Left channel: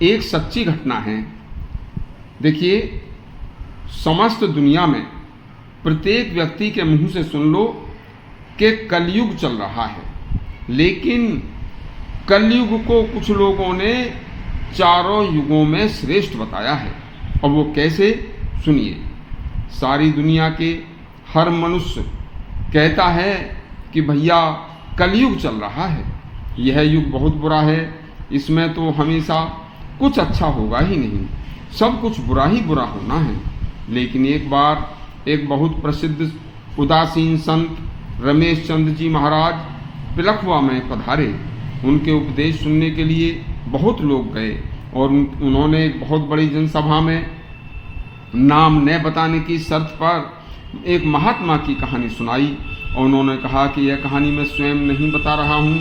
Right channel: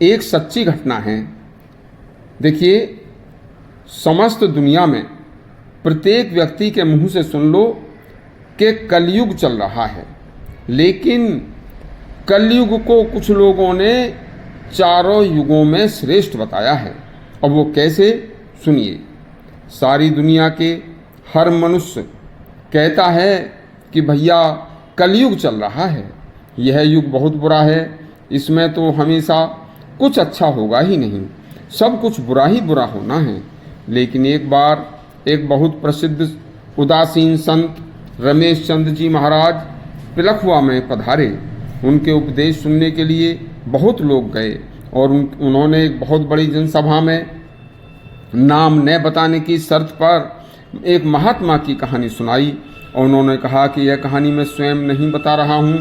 एक सच्ची घटना है। देखिए, समस्त दुनिया में प्रत्येक व्यक्ति के मुंह से सुन लो कि कलयुग चल रहा है, लेकिन कलयुग को कुछ लोगों ने चारों युगों में श्रेष्ठ बताया है। और वो कैसे, सुनिए। सारी दुनिया के हर मनुष्य कहता है कि भैया कलयुग चल रहा है, यह युग बहुत बुरा है, इसमें तो हमेशा कुछ अच्छा होगा ही नहीं, सब कुछ बुरा ही बुरा होना है। लेकिन एक बार एक बहुत प्रसिद्ध उदासीन संत रमेश चंद्र जी महाराज पिलखवा में पधारे। उनके उपदेश सुनने के लिए बहुत लोग गए और उन्होंने एक बहुत बड़ी जनसभा में नाम न बताने की शर्त पर एक महात्मा की कहानी सुनाई। और उन्होंने कहा कि यह कहानी मैं स्वयं नहीं बता रहा हूँ।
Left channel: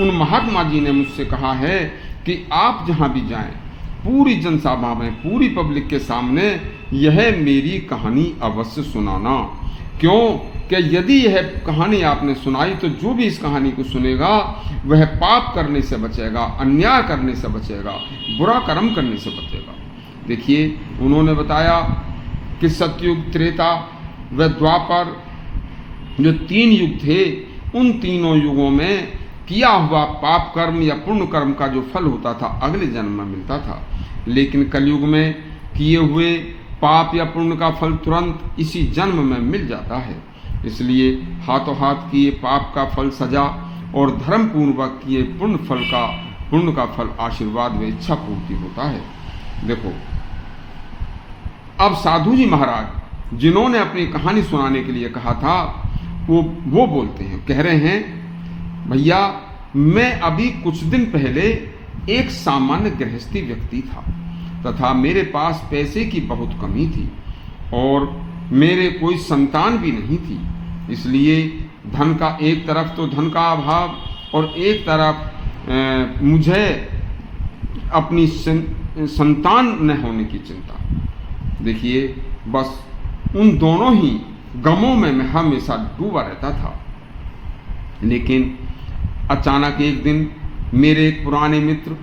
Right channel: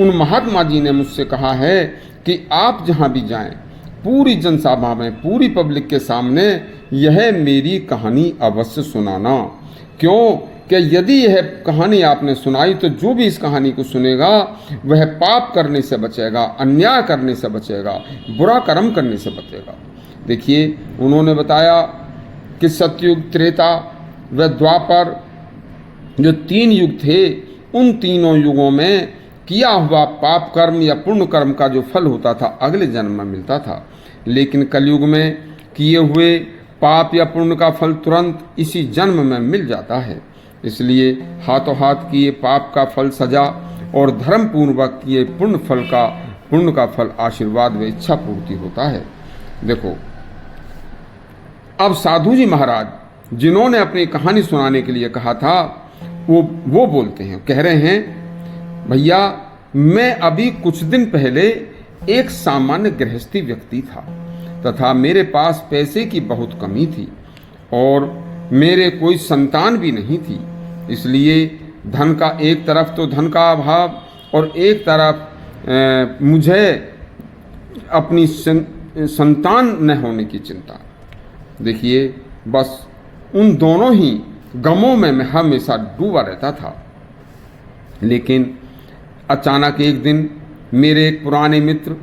उन महात्मा जी ने मुझसे कहा है कि आप जहाँ भी जाएं, पूरी जनसभा में, पूरी पब्लिक के सामने यह मेरी कहानी अवश्य सुनाना। क्यों कि यदि यह कहानी आपने सुनाई तो जो भी इस कहानी को सुनेगा वह पाप करने से बचेगा, अन्याय करने से बचेगा, बुरा कर्म करने से बचेगा। देखिए, उन्होंने बताया कि सतयुग, त्रेता व द्वापर जो 3 युग थे, उन तीनों युगों में किया हुआ पाप कर्म या पुण्य कर्म का जो फल होता था अगले जन्म में मिलता था। लेकिन कलयुग में किए हुए पाप या पुण्य का फल तुरंत इसी जन्म में मिल जाता है। इसलिए हाथों हाथ किए पाप का फल सजा और धर्म पूर्वक किए पुण्य का फल आशीर्वाद व इच्छा पूर्ति होता है। देखो, अब साधु जी महाराज जिन्होंने अपनी कहानी सुनाने के लिए कहा था वो बोलते हैं, कह रहे हैं, भैया मैं अभी कुछ दिन पहले एक सामान्य गृहस्थी व्यक्ति था तथा मेरे पास पैसे की बहुत कमी थी और मेरे कोई संतान भी नहीं थी। इसलिए धन का, एक तरफ तो धन का अभाव और एक तरफ मुझे अपनी संतान न होने की चिंता। देखिए, बस उन दोनों ही गमों में मैं हमेशा डूबा रहता था। लेकिन अचानक एक दिन मेरे एक पुराने मित्र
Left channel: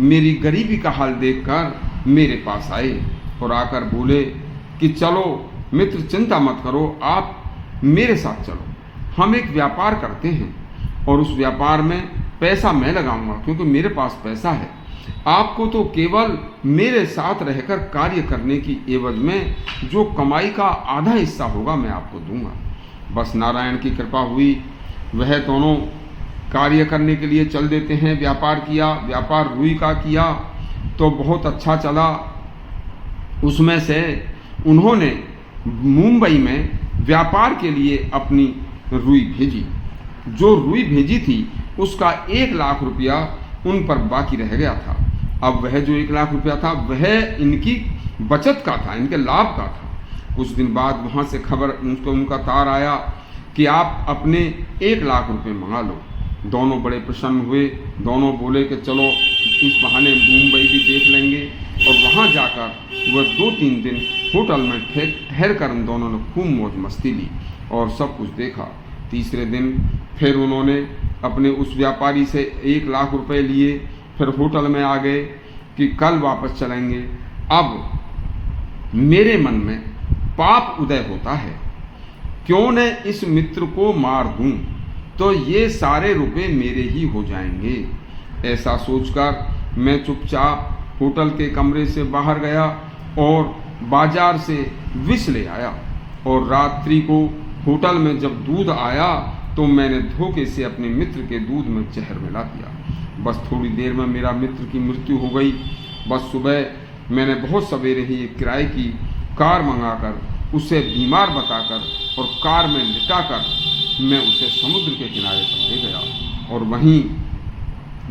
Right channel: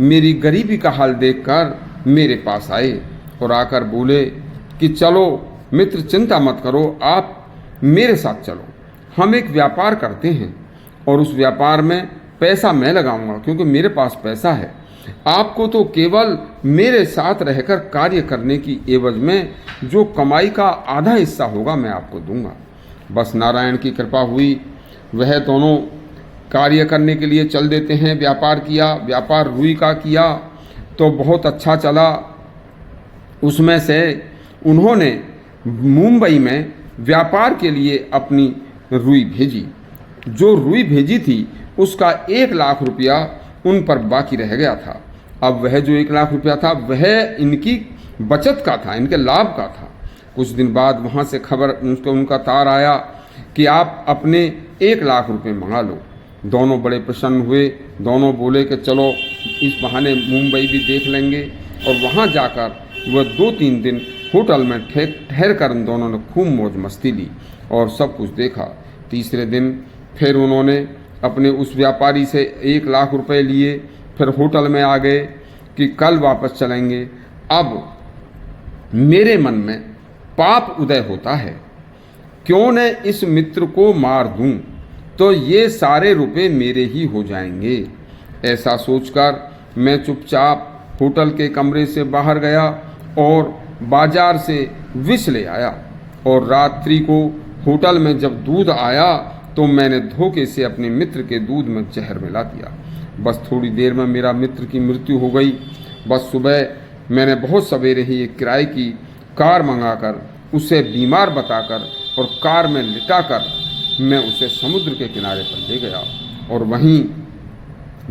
मेरी गरीबी का हाल देखकर मेरे पास आए और आकर बोले कि चलो मित्र, चिंता मत करो, आप मेरे साथ चलो, हम एक व्यापार करते हैं और उस व्यापार में पैसा मैं लगाऊंगा क्योंकि मेरे पास पैसा है। आपको तो केवल मेरे साथ रहकर कार्य करने की एवज में जो कमाई का आधा हिस्सा होगा मैं आपको दूंगा। बस नारायण की कृपा हुई, वह दोनों कार्य करने के लिए चल देते हैं। व्यापार किया, व्यापार रुई का किया तो बहुत अच्छा चला। उसमें से उन्होंने मुंबई में व्यापार के लिए अपनी रुई भेजी। जो रुई भेजी थी उसका 1 लाख रुपया उन पर बाकी रह गया था। अब वह जो 1 लाख रुपया था वह इनकी बचत का था, इनके लाभ का था। कुछ दिन बाद वहाँ से खबर, उनका तार आया कि आप अपने 1 लाख रुपए मंगा लो। दोनों बड़े प्रसन्न हुए। दोनों बोले कि चलो इस बहाने मुंबई भी देख लेंगे। और वहाँ जाकर वह 2-3 दिन होटल में ठहर कर इन दोनों ने खूब मौज मस्ती ली और सब कुछ देखा। तीसरे दिन फिर उन्होंने अपने उस व्यापारी से 1 लाख रुपए लिए, फिर होटल में आ गए कि कल वापस चलेंगे। अब मेरे मन में पाप उदय होता है, क्यों न इस मित्र को मार दूं तो ये सारे रुपए मेरे ही हो जाएंगे। ऐसा सोचकर मैं चुपचाप होटल के कमरे से बाहर गया और बाजार से विष ले आया। और रात्रि को होटल में जब दूध आया तो मैंने धोखे से अपने मित्र के दूध में जहर मिला दिया। बस थोड़ी देर में मेरा मित्र की मृत्यु हो गई। बस सुबह मैंने बहुत सवेरे ही एक किराए की कार मंगाकर उसे बीमार बताकर और कार में लिटाकर मैं उसे समुद्र के किनारे पर ले गया और वहीं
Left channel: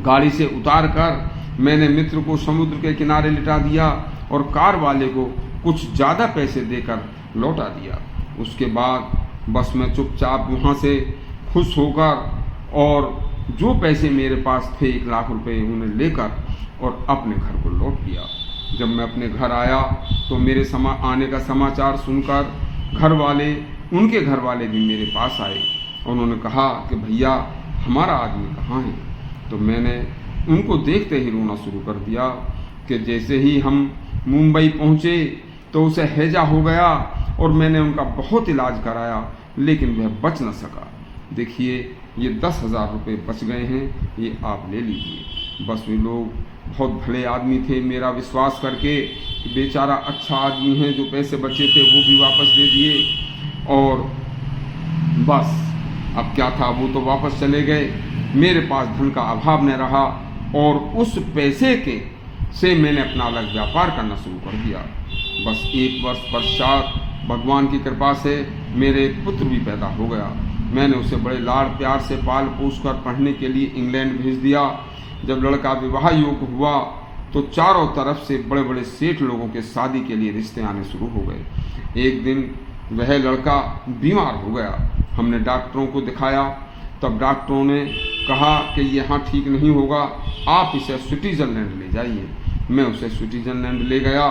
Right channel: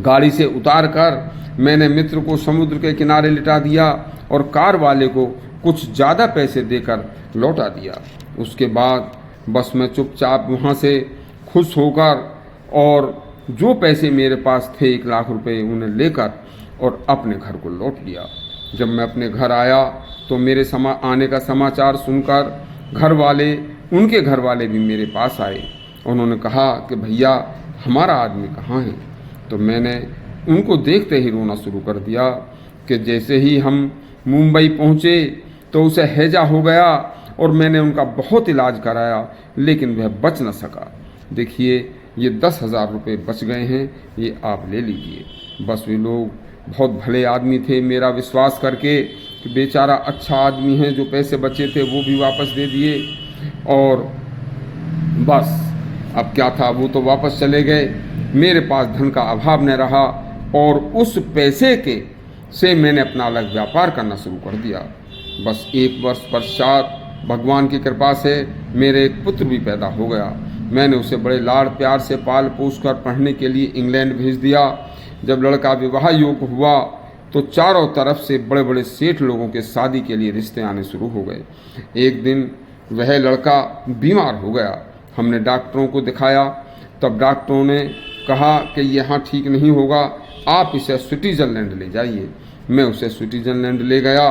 गाड़ी से उतार कर मैंने मित्र को समुद्र के किनारे लिटा दिया और कार वाले को कुछ ज़्यादा पैसे देकर लौटा दिया। उसके बाद बस मैं चुपचाप वहाँ से खुश होकर और जो पैसे मेरे पास थे 1 लाख रुपए उन्हें लेकर और अपने घर को लौट लिया। जब मैं अपने घर आया तो मेरे आने का समाचार सुनकर उनके घर वाले भी मेरे पास आए। उन्होंने कहा कि भैया हमारा आदमी कहाँ है। तो मैंने उनको देखते ही रोना शुरू कर दिया कि जैसे ही हम मुंबई पहुँचे तो उसे हैजा हो गया और मैंने उनका बहुत इलाज कराया, लेकिन वह बच न सका। देखिए ये 10,000 रुपये बच गए हैं, ये आप ले लीजिए। बस वे लोग बहुत भले आदमी थे, मेरा विश्वास करके कि बेचारा अच्छा आदमी है, जो पैसे बचे थे वो भी वापस दे दिए। और बस अब क्या था, वो तो वापस चले गए। मेरे पास धन का अभाव न रहा और उस पैसे के से मैंने अपना अलग व्यापार करना शुरू कर दिया। बस 1 वर्ष पश्चात भगवान की कृपा से मेरे एक पुत्र भी पैदा हो गया। मैंने उसे बड़े लाड़ प्यार से पाल पोस कर पढ़ने के लिए इंग्लैंड भेज दिया। जब लड़का विवाह योग्य हुआ तो चारों तरफ से बड़े बड़े सेठ लोगों के शादी के लिए रिश्ते आने शुरू हो गए। एक दिन वह लड़का बीमार हो गया। हमने डॉक्टरों को दिखाया, तब डॉक्टरों ने कहा कि यहाँ ठीक नहीं होगा, आप इसे स्विट्ज़रलैंड ले जाइए। मैं उसे स्विट्ज़रलैंड ले गया।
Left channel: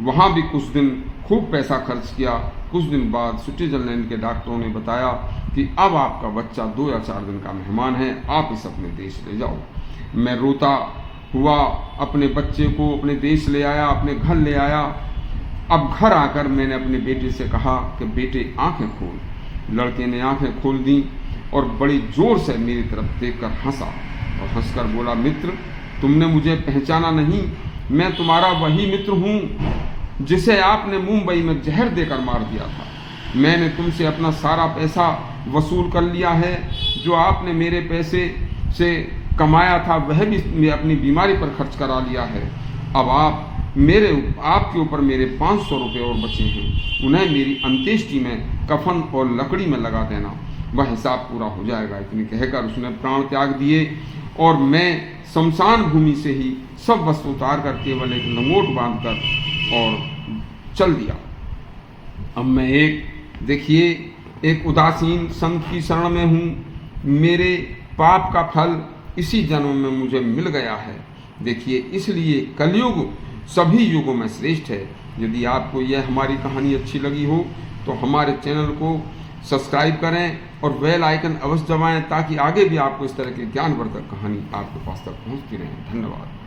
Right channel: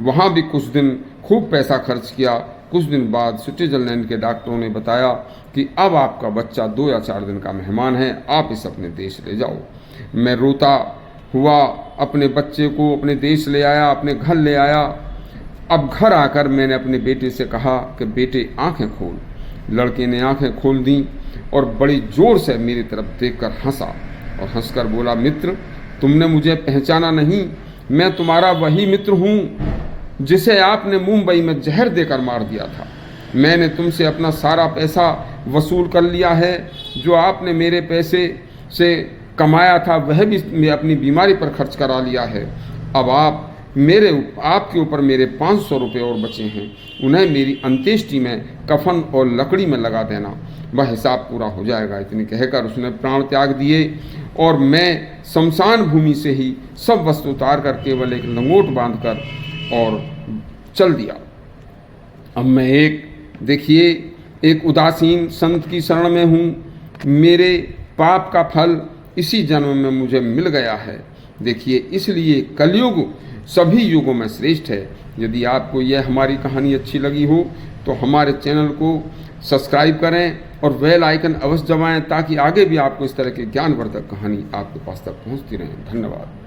वहाँ भी कुछ दिन खूब पैसा खर्च किया। कुछ दिन बाद स्विट्ज़रलैंड के डॉक्टरों ने बताया कि अब आपका बच्चा 2 या 4 दिन का मेहमान है, आप इसे अपने देश ले जाओ। मैं रोता हुआ अपने बच्चे को अपने देश ले आया, अपने घर ले आया। अब घर आकर मैंने अपने बेटे से कहा कि बेटे आंखें खोल। लड़के ने आंखें खोल दी और बड़ी जोर से मेरी तरफ देखकर हंसा और हंसकर बोला, मित्र तुमने मुझे पहचाना नहीं, मैं तुम्हारा वही मित्र हूँ जिसे आपने मुंबई में जहर देकर मार दिया था। मैंने तुमसे अपना सारा पैसा वसूल कर लिया है, जो आपने मेरे पैसे से कमाया था वह भी मैं अपनी बीमारी पर खर्च करा लिया है। अब आपके ऊपर मेरे 500 रुपये और बचे हैं, उन्हें मेरी अंत्येष्टि में कफन और लकड़ी में लगा देना, वह हिसाब पूरा हो जाएगा। इतनी कहकर उसने प्राण त्याग दिए और मैं शमशान भूमि से ही सब वस्तु उतार कर केवल एक लंगोट बांधकर और चल दिया। अब मैं एक उदासीन संत की शरण में हूँ। मेरे पाप का फल इसी जन्म में मुझे मिल गया है। देखिए, इसलिए कलयुग सभी युगों में श्रेष्ठ है। यदि आपको यह हमारी कहानी अच्छी लगी हो तो हमारे चैनल को सब्सक्राइब करें और बेल आइकन अवश्य दबाएं, ताकि आगे भी आपको इस तरह की ज्ञानवर्धक कहानी आपके पास तक पहुंचती रहे। धन्यवाद।